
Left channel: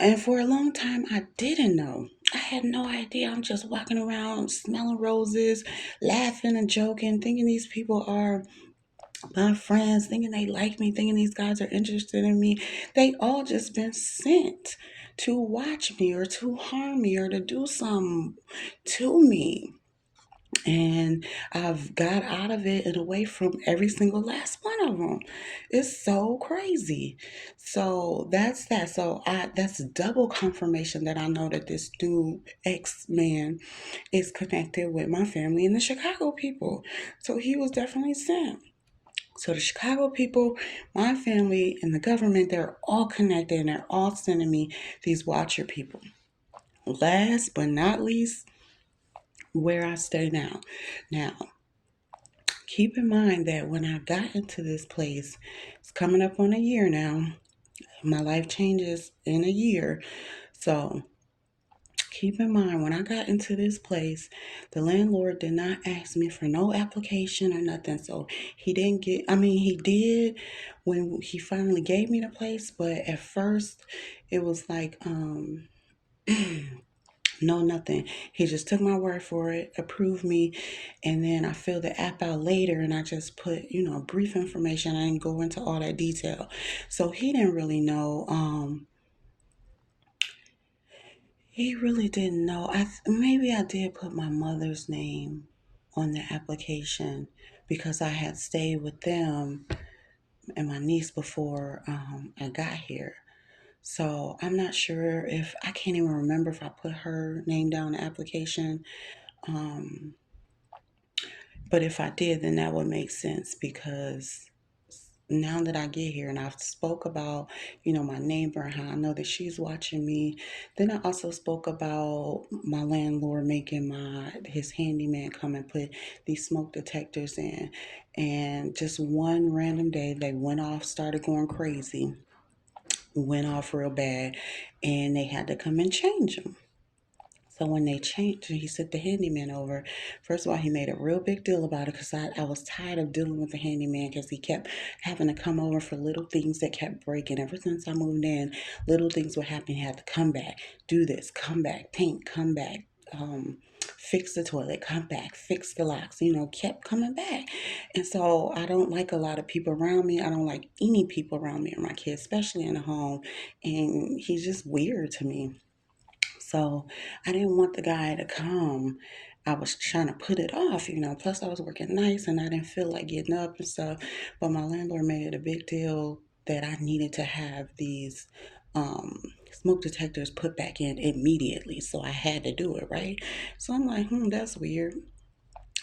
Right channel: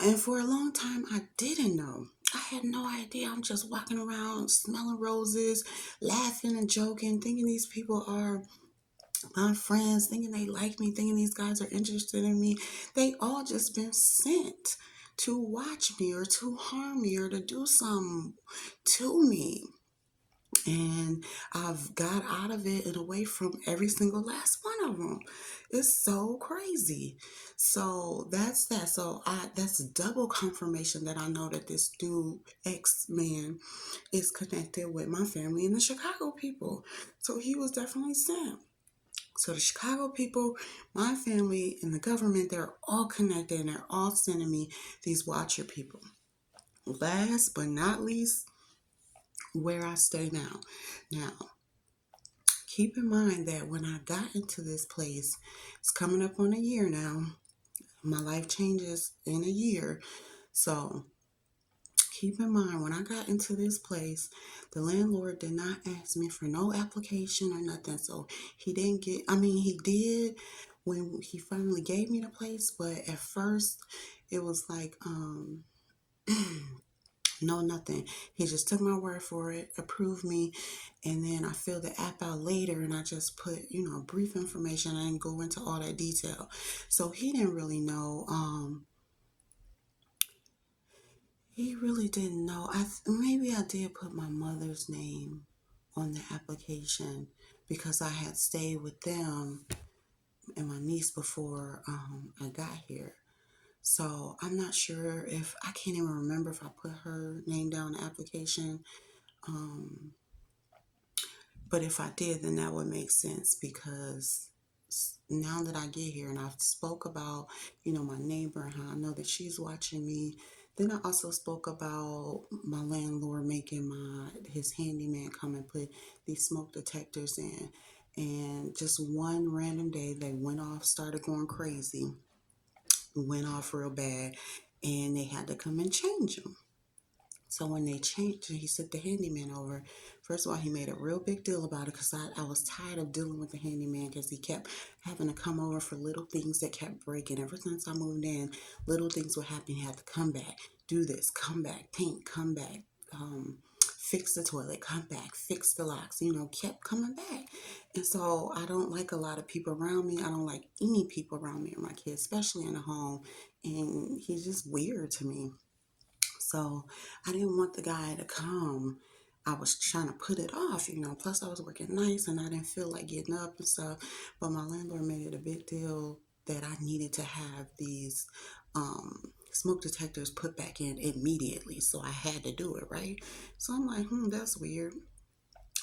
and for a long time, I didn't know. I had no idea. I'm just walking around smelling roses, laughing and joking, thinking these people are my friends, thinking they like me, thinking these guys are interested in me. They all just been sent to watch me or to harm me or to do something to me. And I've got out of it and away from every single last one of them. It's so crazy. So that's that. So that's double confirmation that I know that this new ex man is connected with my family and the Chicago people. So he was definitely sent. So the Chicago people, my family, and the government, they're all connected, and they're all sending me these watcher people. Last but not least, where I stay now. Now, keep in mind that when I got into this place, it's coming up on a year now. My life changes in a year. So keep in mind, when I got into this place, the landlord did not ask me for no application or nothing. So he didn't get, I mean, he did when he finally gave me the place, but at first it was like, no, nothing. He just took my word for it, approved me, and then I filled the app out later and I just put, brief information. I didn't go into all that detail. So he didn't really know. He really didn't know. Maybe I did put my mother's name on the application because I had stayed with them and my niece before I got here. So I'm not sure if I can't even remember if I put her name down the application. Um, But if I did, then that would make sense because now that I get here and I've spoke about, my neighbor and how I know that she's watching me. Then I also spoke about my landlord making his handyman come and put these smoke detectors in. And just one random day they went off, started going crazy, went off real bad, and they had to come and change them. So when they changed, he sent the handyman over. First of all, he made a real big deal about it because I was tired of dealing with the handyman because he kept having to come over for little things that kept breaking. Ever since I moved in, little things would happen. He had to come back, do this, come back, paint, come back, fix the toilet, come back, fix the locks, kept coming back. And so I don't like a lot of people around me. I don't like any people around me or my kids, especially in the home. And he's just weird to me. So I didn't want the guy to come. I was trying to put it off. Plus, I was working nights and I didn't feel like getting up and stuff. But my landlord made it a big deal that I needed to have these smoke detectors put back in immediately. So I had to do it, right? So I'm like, that's weird.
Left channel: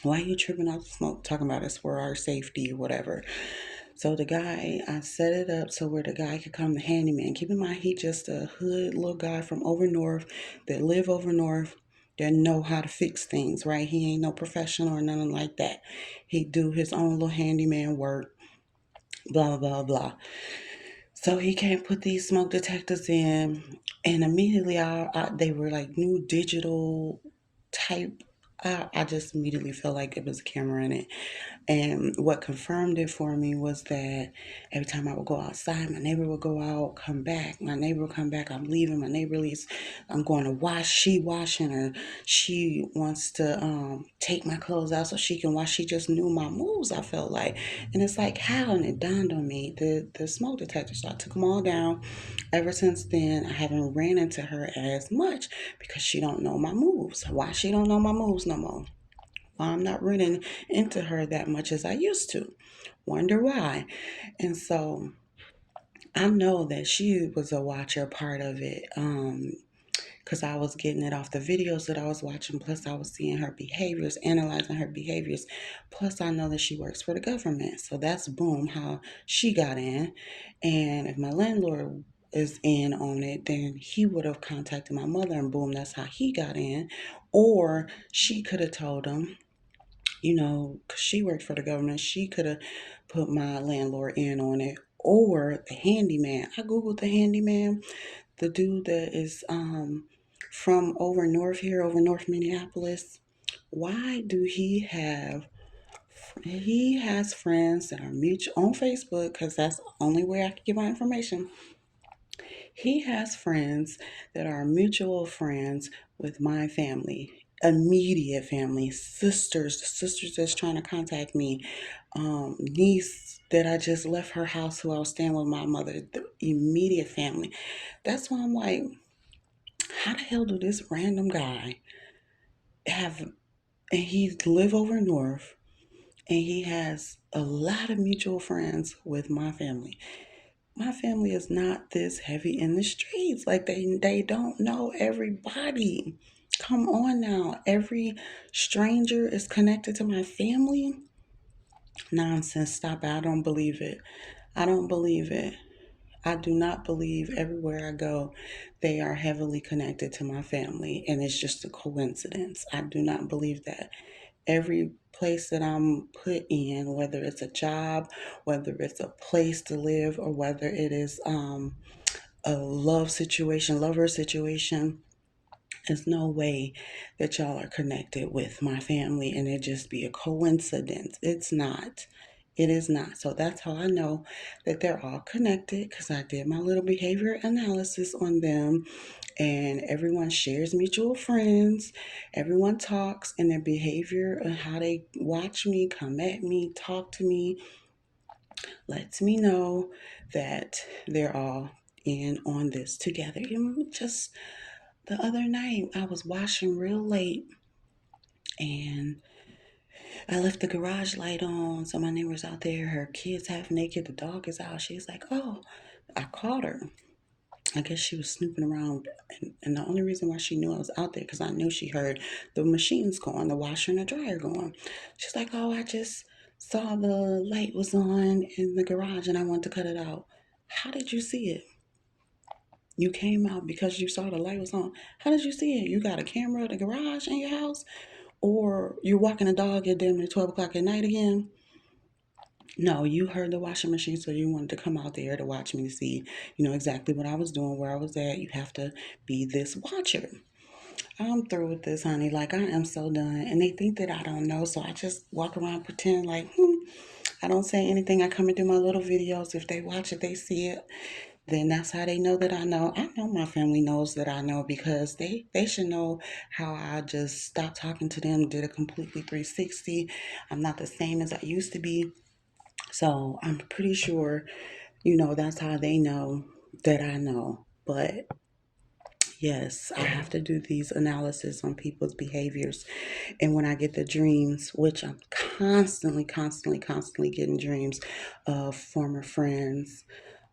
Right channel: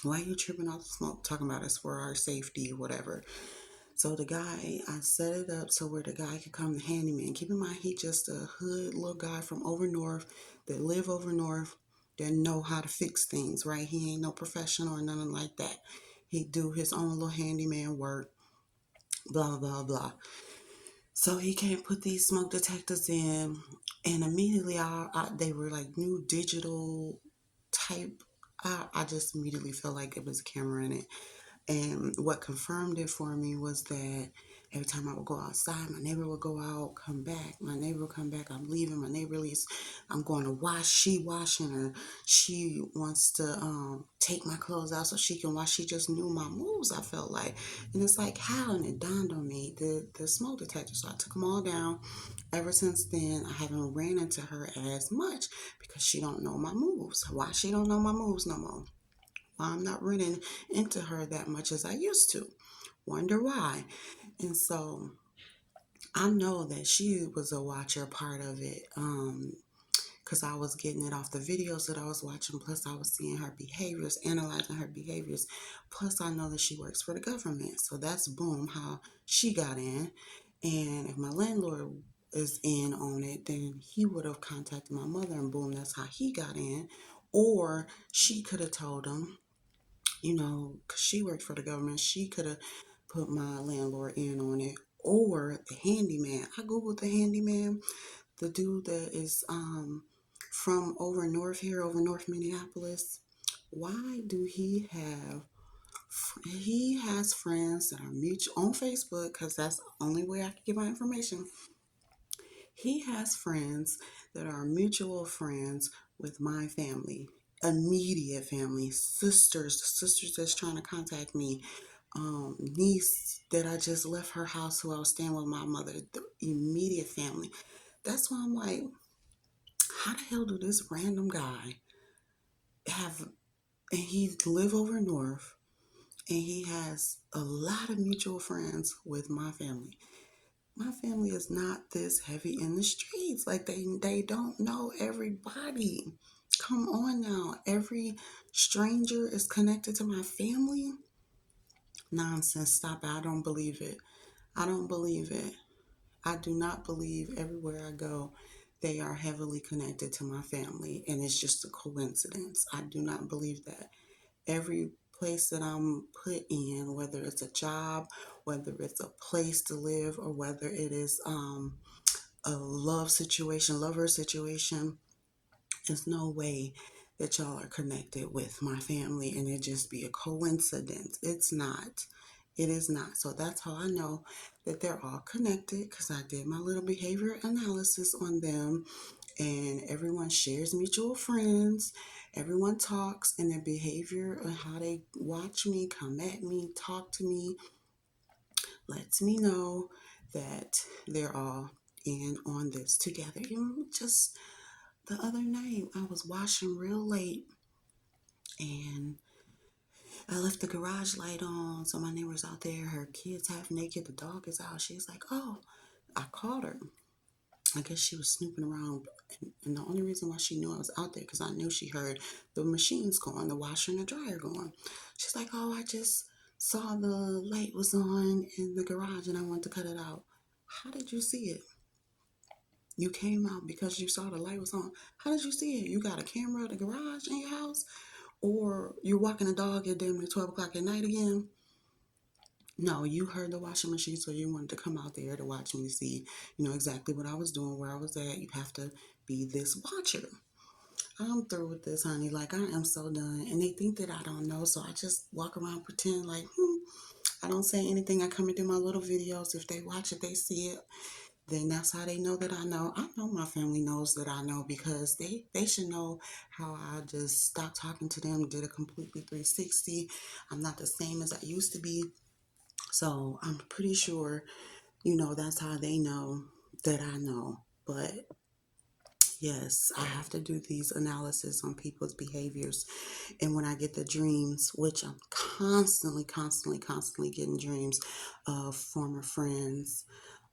Why are you tripping off the smoke? Talking about it's for our safety or whatever. So the guy, I set it up so where the guy could come, the handyman. Keep in mind, he just a hood little guy from over north that live over north that know how to fix things, right? He ain't no professional or nothing like that. He do his own little handyman work, blah, blah, blah. So he can't put these smoke detectors in. And immediately they were like new digital type. I just immediately felt like it was a camera in it. And what confirmed it for me was that every time I would go outside, my neighbor would go out, come back. My neighbor would come back. I'm leaving. My neighbor leaves. I'm going to wash. She washing, or she wants to take my clothes out so she can wash. She just knew my moves, I felt like. And it's like, how? And it dawned on me, the smoke detector. So I took them all down. Ever since then, I haven't ran into her as much because she don't know my moves. Why she don't know my moves no more? I'm not running into her that much as I used to. Wonder why. And so I know that she was a watcher part of it. Because I was getting it off the videos that I was watching. Plus, I was seeing her behaviors, analyzing her behaviors. Plus, I know that she works for the government. So that's boom, how she got in. And if my landlord is in on it, then he would have contacted my mother, and boom, that's how he got in. Or she could have told him, because she worked for the government, she could have put my landlord in on it. Or the handyman. I Googled the handyman, the dude that is from over north here, over North Minneapolis. Why do he has friends that are mutual on Facebook, because that's the only way I can get my information. He has friends that are mutual friends with my family, immediate family, sisters that's trying to contact me, niece that I just left her house who I was staying with my mother, the immediate family. That's why I'm like, how the hell do this random guy have, and he live over north, and he has a lot of mutual friends with my family. My family is not this heavy in the streets. Like they don't know everybody. Come on now. Every stranger is connected to my family. Nonsense. Stop it. I don't believe it. I don't believe it. I do not believe everywhere I go they are heavily connected to my family and it's just a coincidence. I do not believe that. Every place that I'm put in, whether it's a job, whether it's a place to live, or whether it is a lover situation, there's no way that y'all are connected with my family and it just be a coincidence. It's not. It is not. So that's how I know that they're all connected, because I did my little behavior analysis on them, and everyone shares mutual friends. Everyone talks, and their behavior and how they watch me, come at me, talk to me, lets me know that they're all in on this together. Just the other night, I was washing real late, and I left the garage light on. So my neighbor's out there, her kid's half naked, the dog is out. She's like, oh, I caught her. I guess she was snooping around, and the only reason why she knew I was out there because I knew she heard the machines going, the washer and the dryer going. She's like, "Oh, I just saw the light was on in the garage, and I wanted to cut it out." How did you see it? You came out because you saw the light was on. How did you see it? You got a camera in the garage in your house, or you're walking a dog at damn near 12 o'clock at night again? No, you heard the washing machine, so you wanted to come out there to watch me to see, exactly what I was doing, where I was at. You have to be this watcher. I'm through with this, honey. Like, I am so done. And they think that I don't know, so I just walk around pretend like, I don't say anything. I come and do my little videos. If they watch it, they see it. Then that's how they know that I know. I know my family knows that I know, because they should know how I just stopped talking to them, did a completely 360. I'm not the same as I used to be. So I'm pretty sure, that's how they know that I know. But yes, I have to do these analysis on people's behaviors. And when I get the dreams, which I'm constantly, constantly, constantly getting dreams of former friends,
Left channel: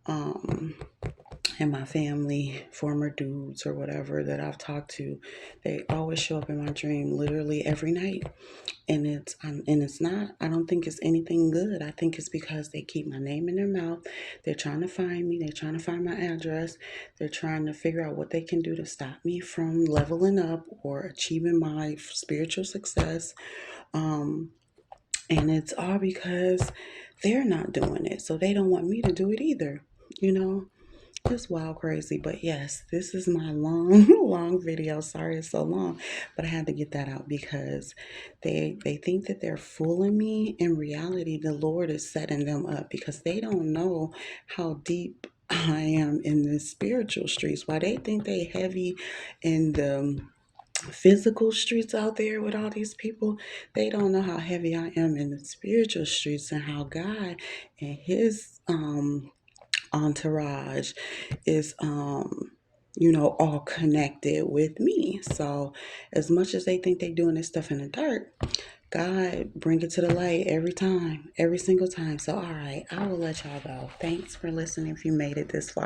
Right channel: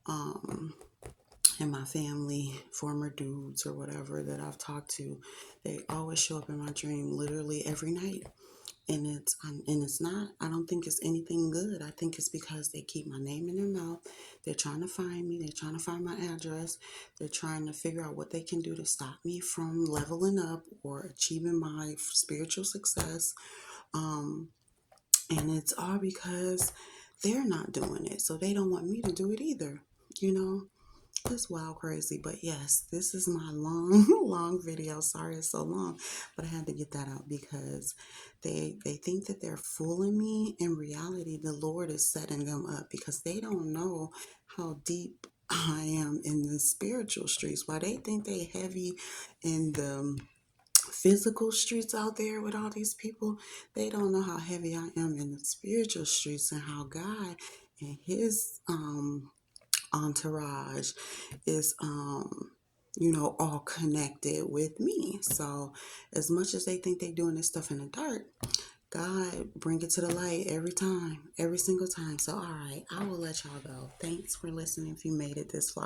um, and my family, former dudes or whatever that I've talked to, they always show up in my dream literally every night. And it's not, I don't think it's anything good. I think it's because they keep my name in their mouth. They're trying to find me. They're trying to find my address. They're trying to figure out what they can do to stop me from leveling up or achieving my spiritual success. Um, and it's all because they're not doing it. So they don't want me to do it either, you know? It's wild crazy. But yes, this is my long, long video. Sorry it's so long, but I had to get that out because they think that they're fooling me. In reality, the Lord is setting them up because they don't know how deep I am in the spiritual streets. Why they think they heavy in the physical streets out there with all these people, they don't know how heavy I am in the spiritual streets and how God and his entourage is all connected with me. So as much as they think they doing this stuff in the dark, God bring it to the light every time, every single time. So all right, I will let y'all go. Thanks for listening if you made it this far.